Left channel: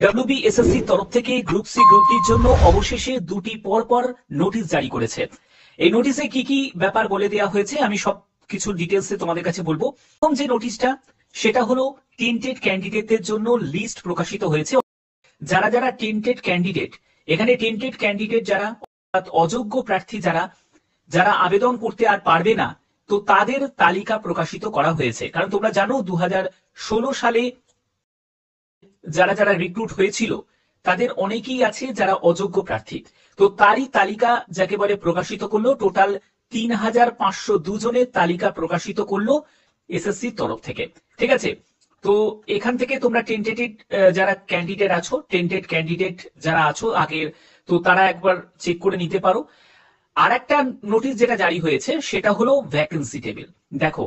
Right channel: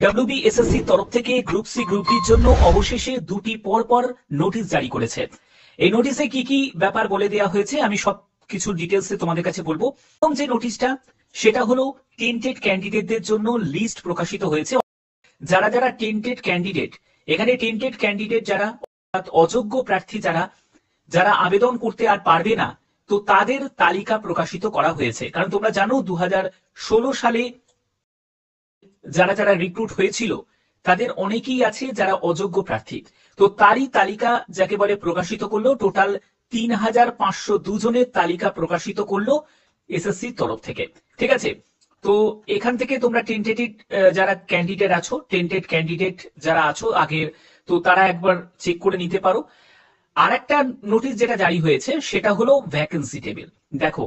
WBSSC তরফ থেকে group C group ডির জন্য অবশেষে দুটি পরপর নোটিশ জারি করেছে। এই নোটিশে কি কি ব্যাপার বলে দেওয়া হয়েছে আমি সব কিছু ডিটেলসে তোমাদের কাছে বলবো। প্রথম যে নোটিশটা সেটা হলো টেন্টেড ক্যান্ডিডেটদের জন্য লিস্ট প্রকাশিত হয়েছে। যারা যারা টেন্টেড ক্যান্ডিডেট, এখানে টেন্টেড ক্যান্ডিডেট যারা অর্থাৎ অযোগ্য প্রার্থী যারা যারা আবেদন করতে আর পারবে না, তো তাদের তালিকা প্রকাশিত করা হয়েছে। কারণ তোমরা জানো 2016 সালে যারা যারা রিক্রুট হয়েছিল তাদের অনেকেই আছে যারা অযোগ্য প্রার্থী, তো তারই তালিকা যাকে বলে প্রকাশিত করলো। টোটাল 3502 জনের তালিকা প্রকাশিত করলো এসএসসি তরফ থেকে। ঠিক আছে, তো এখান থেকে তোমরা টেন্টেটিভ যারা ক্যান্ডিডেট আছো, টেন্টেড ক্যান্ডিডেট যারা আছো আগের, তো তারা একবার চেক করে নিতে পারো। আর একটা নোটিশ যেটা জারি হয়েছে সেটা হলো ভ্যাকেন্সি টেবিল। দেখো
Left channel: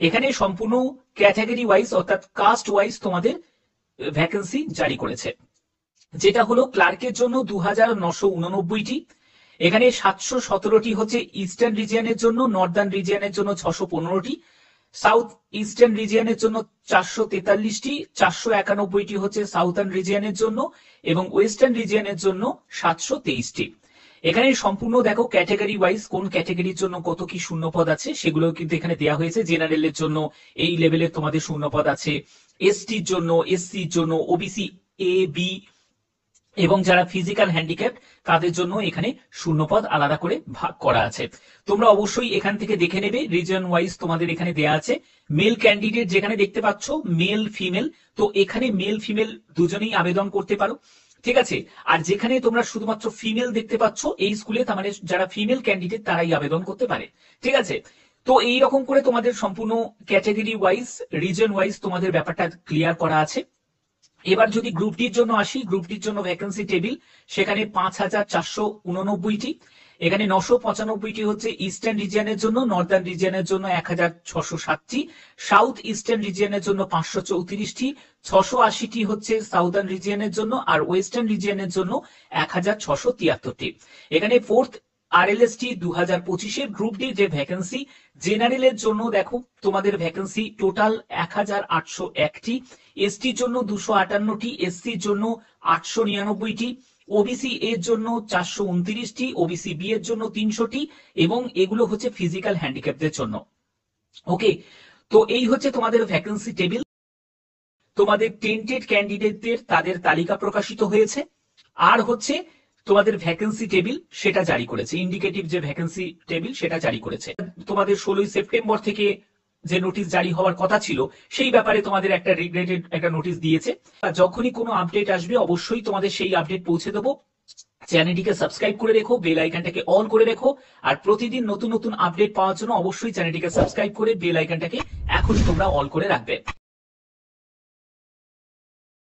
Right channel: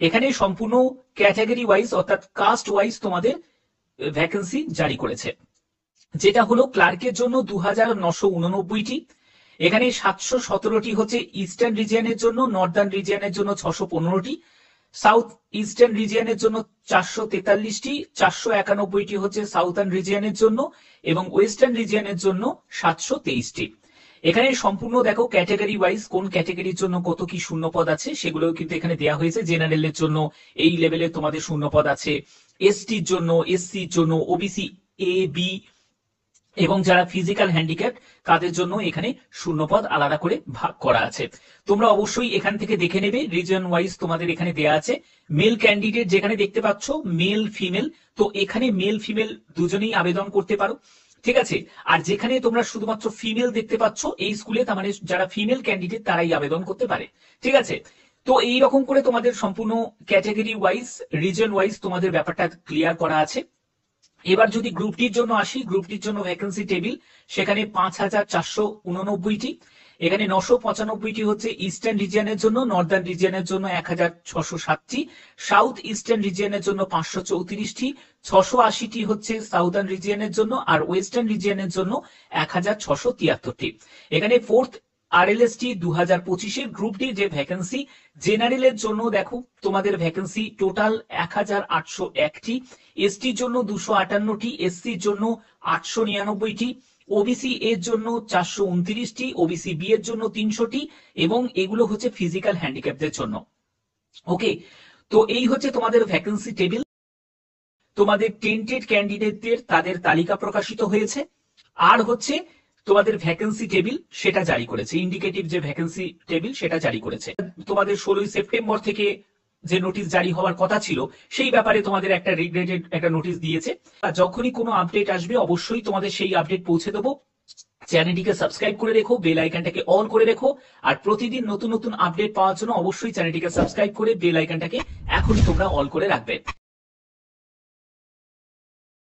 এখানে সম্পূর্ণ ক্যাটাগরি ওয়াইজ অর্থাৎ কাস্ট ওয়াইজ তোমাদের ভ্যাকেন্সি জারি করেছে। যেটা হলো ক্লার্কের জন্য 2989টি, এখানে 717টি হচ্ছে ইস্টার্ন রিজিয়নের জন্য, নর্দার্ন রিজিয়নের জন্য 615টি, সাউথ ইস্টার্ন রিজিয়নের জন্য 443টি, 491টি হচ্ছে সাউথার্ন রিজিয়নের জন্য এবং ওয়েস্টার্ন রিজিয়নের জন্য 723টি। এখানে সম্পূর্ণ দেখো ক্যাটাগরি ওয়াইজ কোন ক্যাটাগরির জন্য কত কি শূন্যপদ আছে সেগুলো কিন্তু এখানে দেওয়া হয়েছে। জেনারেলের জন্য এই লেভেলের তোমাদের শূন্যপদ আছে, এসটির জন্য, এসসির জন্য, ওবিসি এ বি এবং যারা ফিজিক্যাল হ্যান্ডিক্যাপ তাদের জন্য এখানে শূন্যপদ আলাদা করে ভাগ করা আছে। তোমরা অবশ্যই এখান থেকে দেখে নেবে, রিজন ওয়াইজ তোমাদের এখানে দেয়া আছে। মেল ক্যান্ডিডেট যেখানে দেখতে পাচ্ছ মেল ফিমেল, তো এখানে মেল ফিমেল দুজনেই আবেদন করতে পারো। ঠিক আছে, আর যেখানে তোমরা শুধুমাত্র ফিমেল দেখতে পাচ্ছ এই স্কুলে, তার মানে যারা ফিমেল ক্যান্ডিডেট তারাই আবেদন করতে পারে। ঠিক আছে, তো এই রকম করে তোমাদের সম্পূর্ণ ক্যাটাগরি ওয়াইজ রিজন ওয়াইজ তোমাদের ব্যাপারটা ক্লিয়ার করা আছে। এবার যদি গ্রুপ ডির জন্য আসি, গ্রুপ ডির জন্য ভ্যাকেন্সি টেবিল সেখানে 5489টি, এখানে 995টি হচ্ছে ইস্টার্ন রিজিয়নের জন্য, নর্দার্ন রিজিয়নের জন্য 1607টি, সাউথ ইস্টার্ন রিজিয়নের জন্য 534টি, 680টি হচ্ছে সাউথার্ন রিজিয়নের জন্য আর ওয়েস্টার্ন রিজিয়নের জন্য 1673টি। এখানে ফোর্থ আরএলএসটি 2025-এর গ্রুপ ডি যে ভ্যাকেন্সি, জেনারেলের জন্য দেখো তোমাদের ভ্যাকেন্সি টোটাল 1801টি, এসটির জন্য 258টি, এসসির জন্য 899টি, ওবিসি এর জন্য 429টি, ওবিসি বি এর জন্য 300টি এবং এগুলো হচ্ছে ফিজিক্যাল হ্যান্ডিক্যাপদের জন্য। ওকে, তো এই হচ্ছে তোমাদের ভ্যাকেন্সি টেবিল। তোমাদের টেন্টেড ক্যান্ডিডেটদের তাদের তালিকা প্রকাশিত হয়েছে, আর হচ্ছে তোমাদের ভ্যাকেন্সি টেবিল সেটা জারি করেছে, ইন্ডিকেটিভ যে ভ্যাকেন্সি টেবিল সেটা জারি করেছে। তোমাদের 16 সেপ্টেম্বর থেকে যে নোটিশ জারি হওয়ার কথা ছিল সেই ব্যাপারে তোমাদের একটা রিগ্রেটেড একটা নোটিশ দিয়েছে। যখনই কোনো আপডেট আসবে অবশ্যই তোমাদের সেই আপডেট পৌঁছে দেবো। চ্যানেলটিকে সাবস্ক্রাইব করে রেখো, বেল আইকনটাকে অন করে রেখো, আর প্রতিদিন নতুন নতুন আপডেট পাওয়ার জন্য অবশ্যই চ্যানেলটিকে সাবস্ক্রাইব করে বেল আইকনটাকে এখনই তোমরা অন করে রাখবে।